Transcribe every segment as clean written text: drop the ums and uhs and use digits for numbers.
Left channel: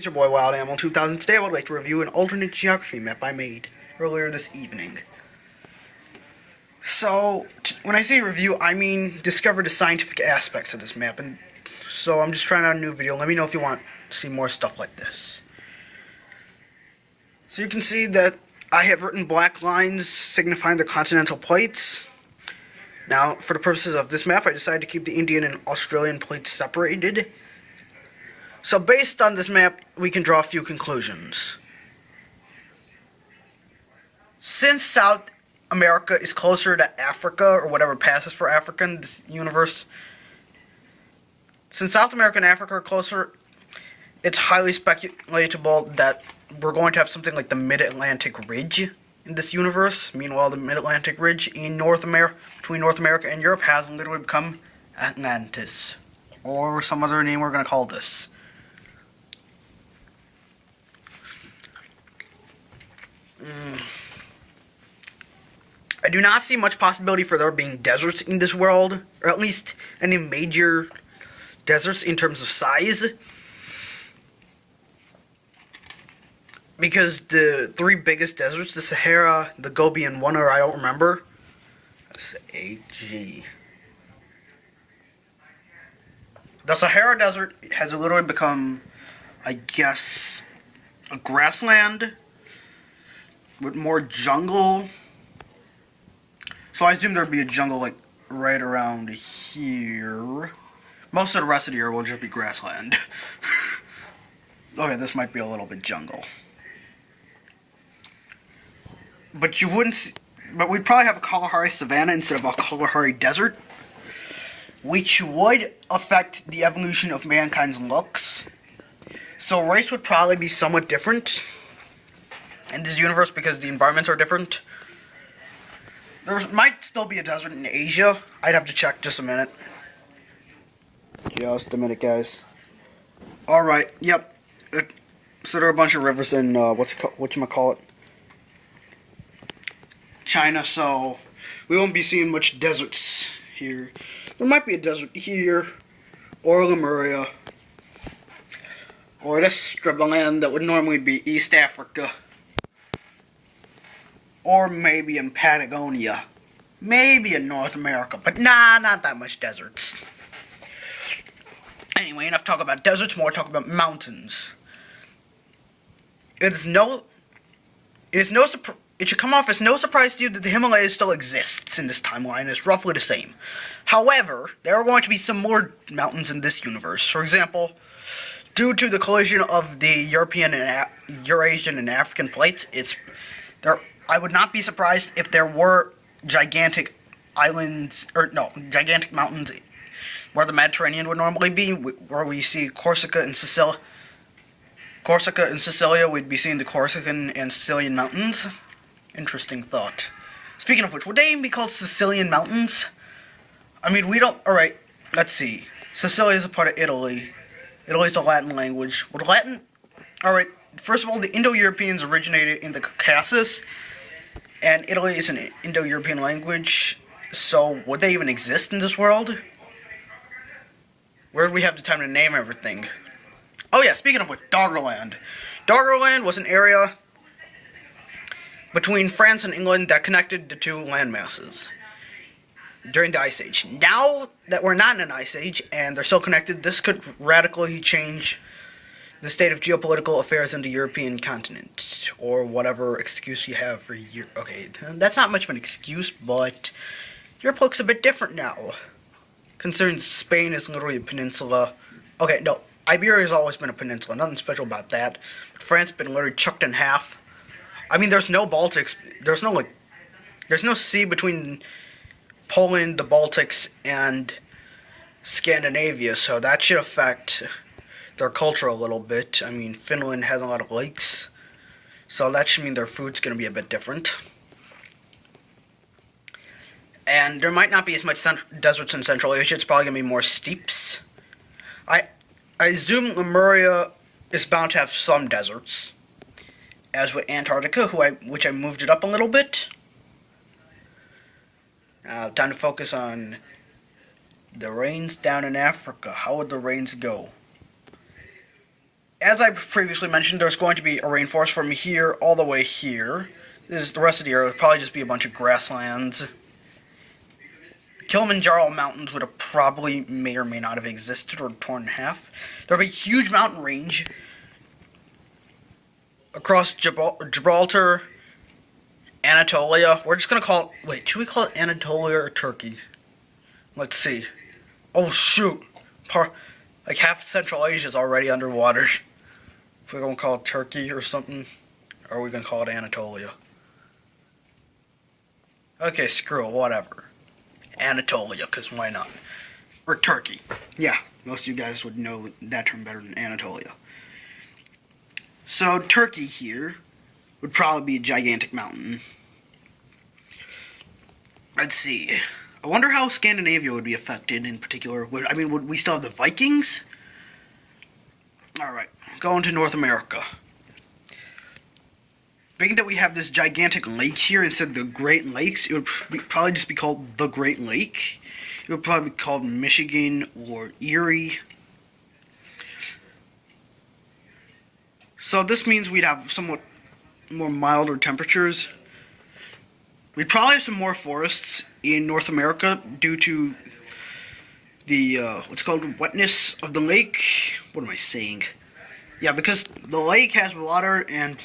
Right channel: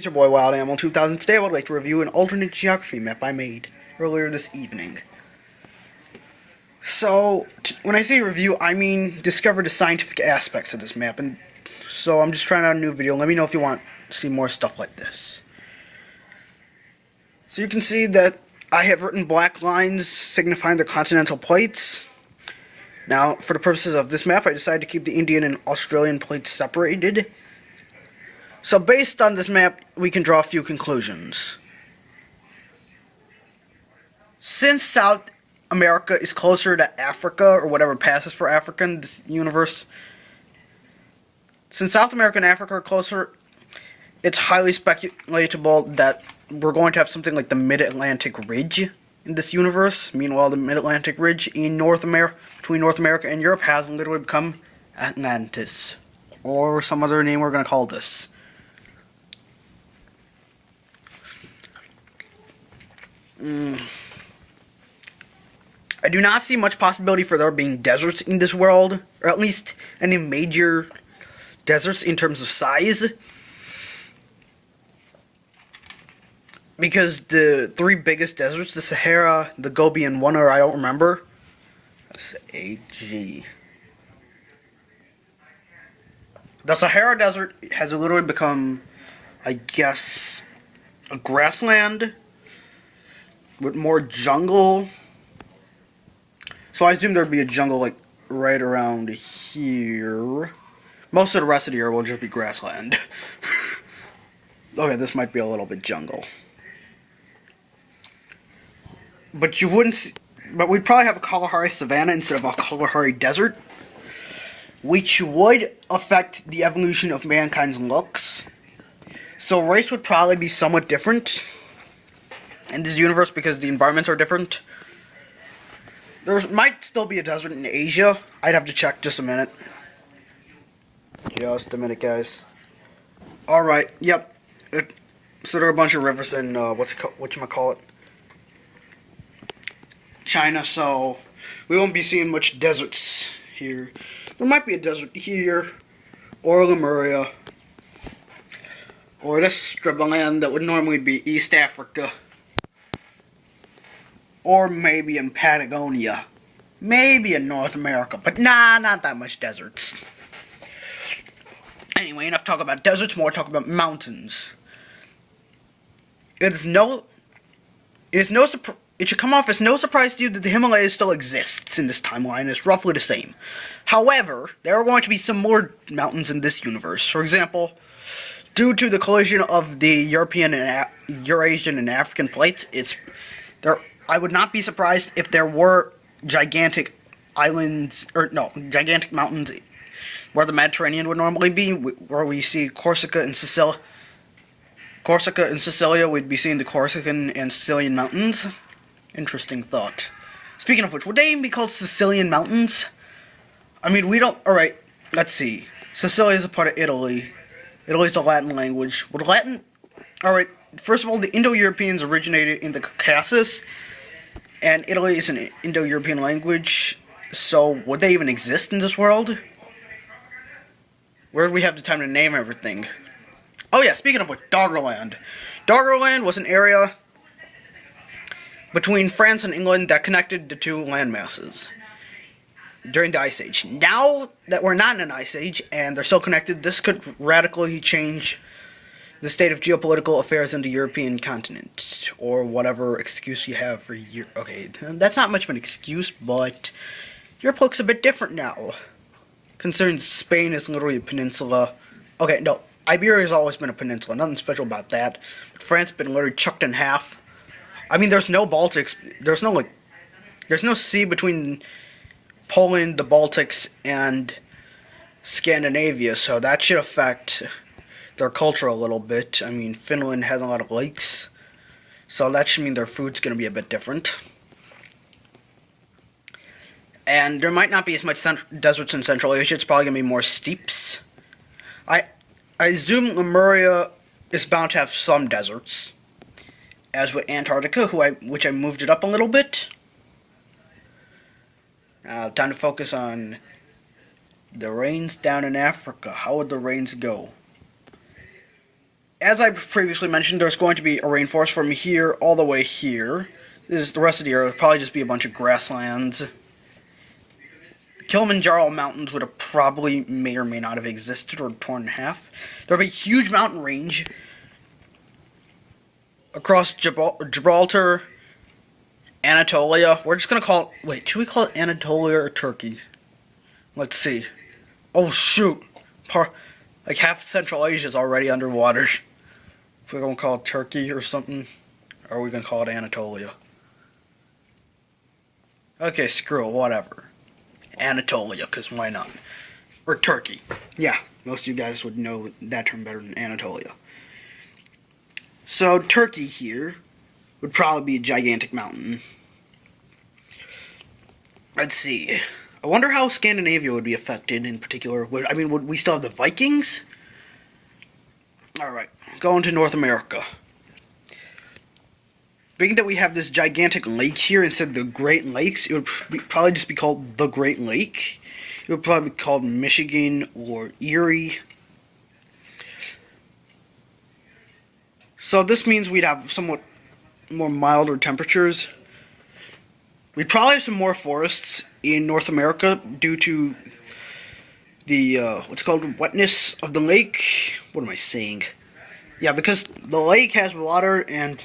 It's your boy Wild Animal 2000. Today I would like to review an alternate geography map I made earlier this evening. So, when I say review, I mean discover the scientific aspects of this map, and so I'm just trying out a new video. Let me know if you want to see more stuff like this. So you can see that I have written black lines signifying the continental plates. Now, for the purposes of this map, I decided to keep the Indian and Australian plates separated. So based on this map, we can draw a few conclusions. Since South America is closer to Africa, or whatever passes for Africa in this universe, since South America and Africa are closer, it's highly speculatable that we're going to have something like the Mid-Atlantic Ridge in this universe. Meanwhile, the Mid-Atlantic Ridge in between North America and Europe has literally become Atlantis, or some other name we're going to call this. I do not see much possibility for there being deserts in this world, or at least any major deserts in terms of size, because the three biggest deserts, the Sahara, the Gobi, and one other I don't remember. S-A-G. The Sahara Desert has literally become, I guess, a grassland with more jungle. So I assume there'd be a jungle like right around here. Most of the rest of the area will just be grassland. Okay, this might be a little bit jungle. But you wouldn't see, but we'd probably have a Kalahari savanna instead of a Kalahari desert, which would affect the evolution of mankind's looks. So race would probably be somewhat different in this universe because the environments are different. There might still be a desert in Asia. I'd have to check. Just a minute. Just a minute, guys. Alright, yep. So there are a bunch of rivers in, whatchamacallit? China, so we won't be seeing much deserts here. There might be a desert here, or Lemuria, or this strip of land that would normally be East Africa. Or maybe in Patagonia. Maybe in North America. But nah, not that much deserts. Anyway, enough talk about deserts, more talk about mountains. It should come off as no surprise to you that the Himalayas still exists in this timeline. It's roughly the same. However, there are going to be some more mountains in this universe. For example, due to the collision of the European and Eurasian and African plates, I would not be surprised if there were gigantic islands, gigantic mountains where the Mediterranean would normally be, where we see Corsica and Sicilia, we'd be seeing the Corsican and Sicilian mountains. Interesting thought. Speaking of which, would they even be called Sicilian mountains? I mean, we don't, alright, let's see. Sicilia is a part of Italy. Italy's a Latin language. Would Latin, alright, first of all, the Indo-Europeans originated in the Caucasus, and Italy is an Indo-European language, so would they even exist in this world? Where do we have the time to name everything? Oh yeah, speaking of which, Doggerland. Doggerland was an area between France and England that connected the two landmasses during the Ice Age. Now that we're not in an Ice Age, and they're still connected, this could radically change the state of geopolitical affairs in the European continent, or whatever excuse you have for Europe. Okay, that's not much of an excuse, but Europe looks a bit different now. Concerns Spain is literally a peninsula. Okay, no, Iberia has always been a peninsula, nothing special about that. But France has been literally chucked in half. I mean, there's no Baltics, there's no sea between Poland, the Baltics, and Scandinavia, so that should affect their culture a little bit. I mean, Finland has a lot of lakes, so that should mean their food's going to be a bit different. And there might not be as much deserts in Central Asia. It's probably going to be more steppes. I assume Lemuria is bound to have some deserts, as with Antarctica, which I moved it up a little bit. Now, time to focus on the rains down in Africa. How would the rains go? as I previously mentioned, there's going to be a rainforest from here all the way here. The rest of the area would probably just be a bunch of grasslands. The Kilimanjaro Mountains would have probably may or may not have existed or torn in half. There would be a huge mountain range across Gibraltar, Anatolia. We're just going to call it... Wait, should we call it Anatolia or Turkey? Let's see. Oh, shoot. Like half Central Asia is already underwater. If we're going to call it Turkey or something, or are we going to call it Anatolia? Okay, screw it, whatever. Anatolia, because why not? Or Turkey. Yeah, most of you guys would know that term better than Anatolia. So, Turkey here would probably be a gigantic mountain. Let's see. I wonder how Scandinavia would be affected in particular. Would we still have the Vikings? Alright, going to North America. Being that we have this gigantic lake here instead of the Great Lakes, it would probably just be called the Great Lake. It would probably be called Michigan or Erie. So this means we'd have somewhat more milder temperatures. We'd probably have some more forests in North America due to the, what's called wetness of the lake. What am I saying? Yeah, because the lake has water and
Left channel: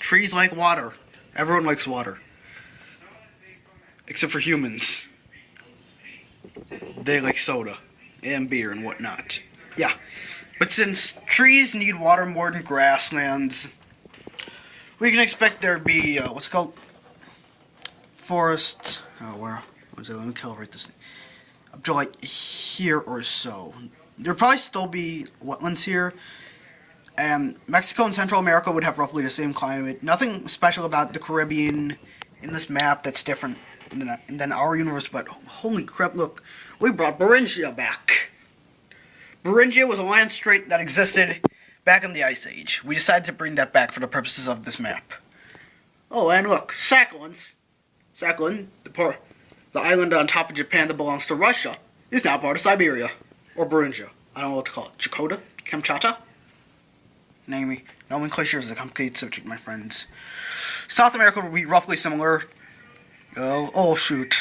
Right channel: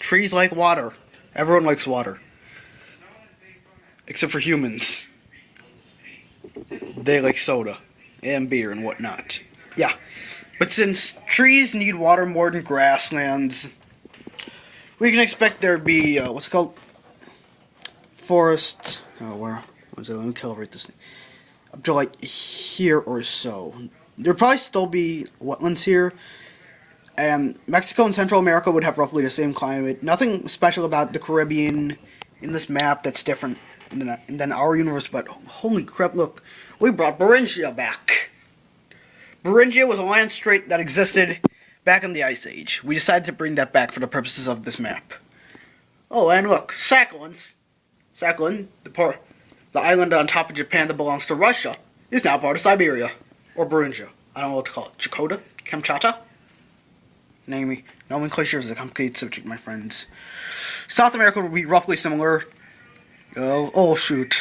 trees like water. Everyone likes water. Except for humans. They like soda and beer and whatnot. Yeah. But since trees need water more than grasslands, we can expect there to be, what's it called? Forests. Oh, where? Let me calibrate this. Up to like here or so. There'll probably still be wetlands here. And Mexico and Central America would have roughly the same climate. Nothing special about the Caribbean in this map that's different than our universe, but holy crap, look. We brought Beringia back. Beringia was a land strait that existed back in the Ice Age. We decided to bring that back for the purposes of this map. Oh, and look, Sakhalin, the island on top of Japan that belongs to Russia, is now part of Siberia. Or Beringia. I don't know what to call it. Chakota? Kamchatka? Nomenclature is a complicated subject, my friends. South America will be roughly similar. Oh shoot.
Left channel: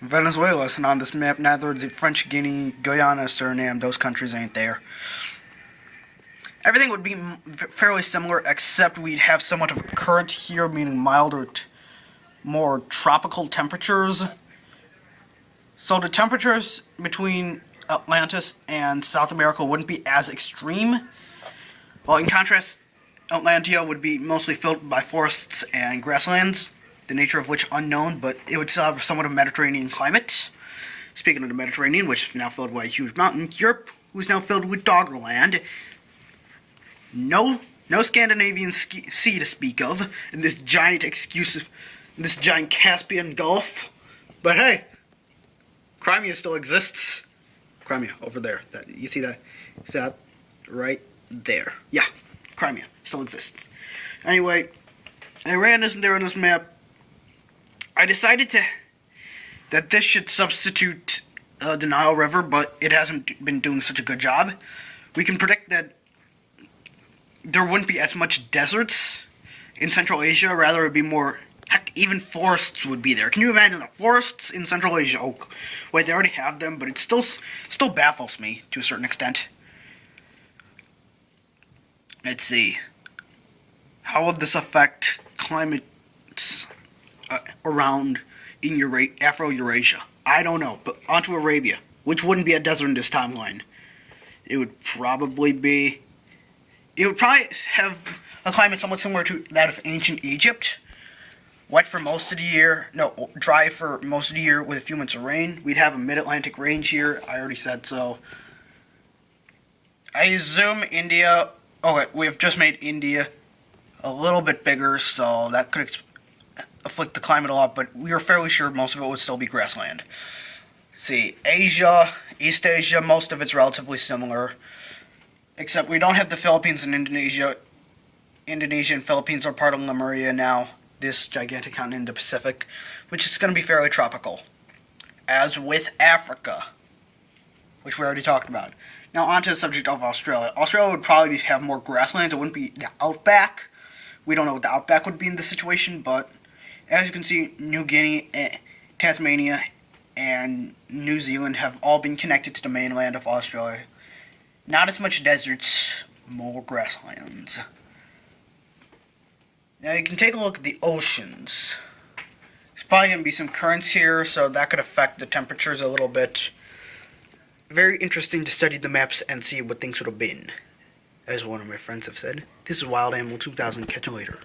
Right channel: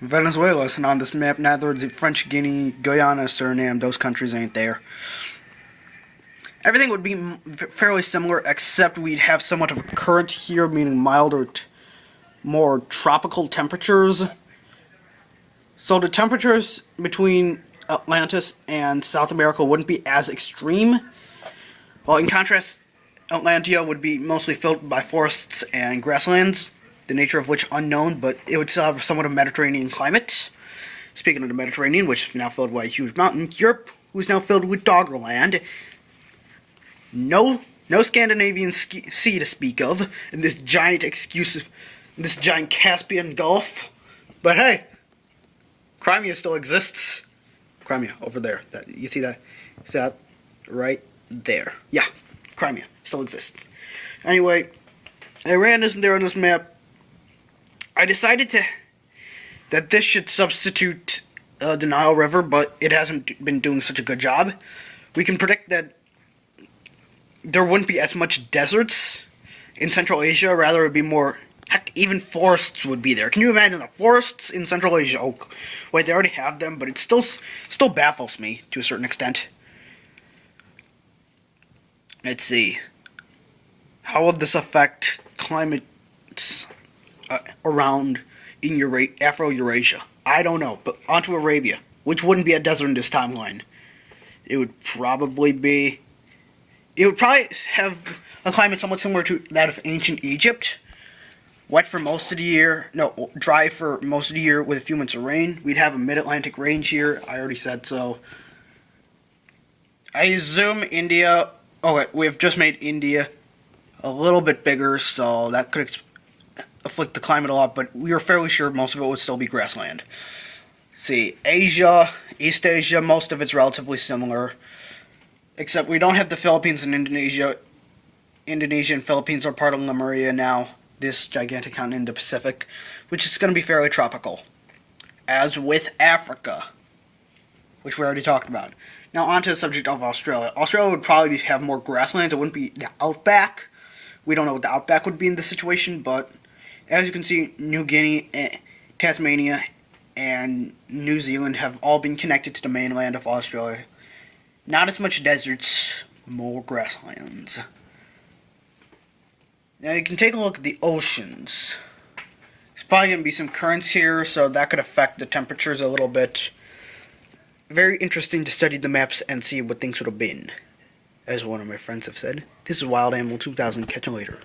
Venezuela isn't on this map, neither the French Guiana, Guyana, Suriname, those countries ain't there. Everything would be fairly similar, except we'd have somewhat of a current here, meaning milder, more tropical temperatures. So the temperatures between Atlantis and South America wouldn't be as extreme. While in contrast, Atlantia would be mostly filled by forests and grasslands, the nature of which unknown, but it would still have somewhat of a Mediterranean climate. Speaking of the Mediterranean, which is now filled by a huge mountain, Europe, who's now filled with Doggerland. No Scandinavian Sea to speak of in this giant this giant Caspian Gulf. But hey, Crimea still exists. Crimea, over there. You see that? See that? Right there. Yeah, Crimea still exists. Anyway, Iran isn't there on this map. I decided that this should substitute the Nile River, but it hasn't been doing such a good job. We can predict that there wouldn't be as much deserts in Central Asia. Rather, it would be more... Heck, even forests would be there. Can you imagine the forests in Central Asia? Oh, wait, they already have them, but it still baffles me to a certain extent. Let's see. How would this affect climates around in Afro-Eurasia? I don't know, but onto Arabia, which wouldn't be a desert in this timeline. It would probably have a climate somewhat similar to that of ancient Egypt. Wet for most of the year, dry for most of the year with a few months of rain. We'd have a mid-Atlantic range here, I already said so. I assume India... Oh, wait, we've just made India a little bit bigger, so that could afflict the climate a lot, but we are fairly sure most of it would still be grassland. See, Asia, East Asia, most of it's relatively similar, except we don't have the Philippines and Indonesia. Indonesia and Philippines are part of Lemuria now, this gigantic continent in the Pacific, which is going to be fairly tropical. As with Africa, which we already talked about. Now onto the subject of Australia. Australia would probably have more grasslands. It wouldn't be the outback. We don't know what the outback would be in this situation, but as you can see, New Guinea, Tasmania, and New Zealand have all been connected to the mainland of Australia. Not as much deserts, more grasslands. Now you can take a look at the oceans. There's probably going to be some currents here, so that could affect the temperatures a little bit. Very interesting to study the maps and see what things would have been. As one of my friends have said, this is Wild Animal 2000. Catch you later.